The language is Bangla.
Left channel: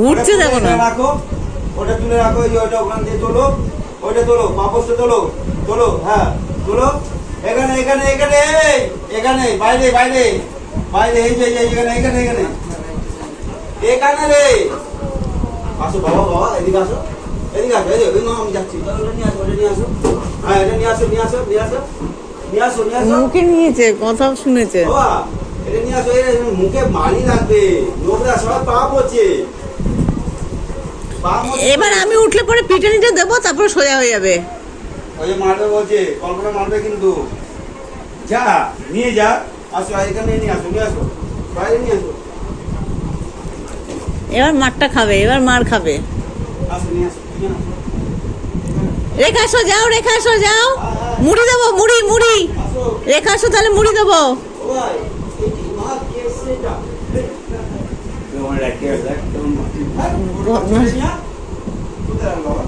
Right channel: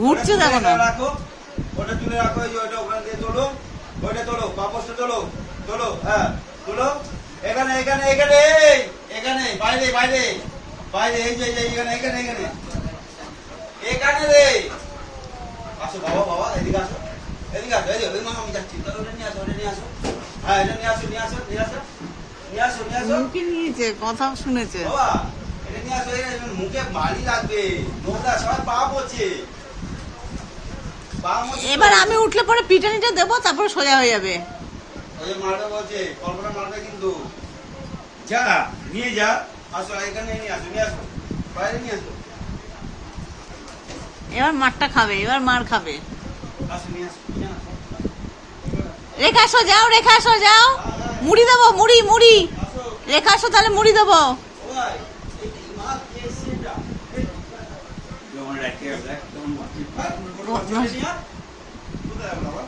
ঘুরছে দেখো না। রাখো, ওটা তুলে রাখো, ওইটা ওখান দিয়ে তোলো, ওইটা তোলো, পাপোশটা তোলো, তোলো, হ্যাঁ তোলো। এখানে এখানে এখানে এখানে বাইরে বাইরে বাইরে, এই যে এখানে এখানে এখানে এখানে রে। আসো বাবা, বাবা এদিকে আসো, এদিকে আসো, এই যে আমি যাচ্ছি, নিয়ে আসো, ওটা নিয়ে আসো, হ্যাঁ এটা নিয়ে আসো, নিয়ে আসো, নিয়ে আসো, নিয়ে আসো, নিয়ে আসো। মুখে নিয়েছে, কথা শুনেছে। বাবা এটা নিয়ে আসো, মুখে মালি লাগবে, নোংরা সবাই পাপ হচ্ছে। এবার আমি উঠলে পরে পিটানিটা দেবো, তারপরে সোজা হয়ে যাবে। ওই যে মারবে বলছে, কল্পনা মারবে কিন্তু। যা নিয়ে যা, আসো এখানে নিয়ে আসো, নিয়ে আসো, বাইরে নিয়ে আসো, এবার মারটা খাবে, এবার মার খাবে। আসো নিয়ে আসো, নিয়ে আসো, রেখা আসো, যাও রেখা আসো, যাও। মুড়ি দেবো, মুড়ি মুড়ি। আসো। রেখা আসো, তাহলে মুড়ি দেবো। ও ভাই, এই কি মাছ কে এসছে এটা? কেমন রাখি, কেমন মাটি, হ্যাঁ? কোথায় বাবা?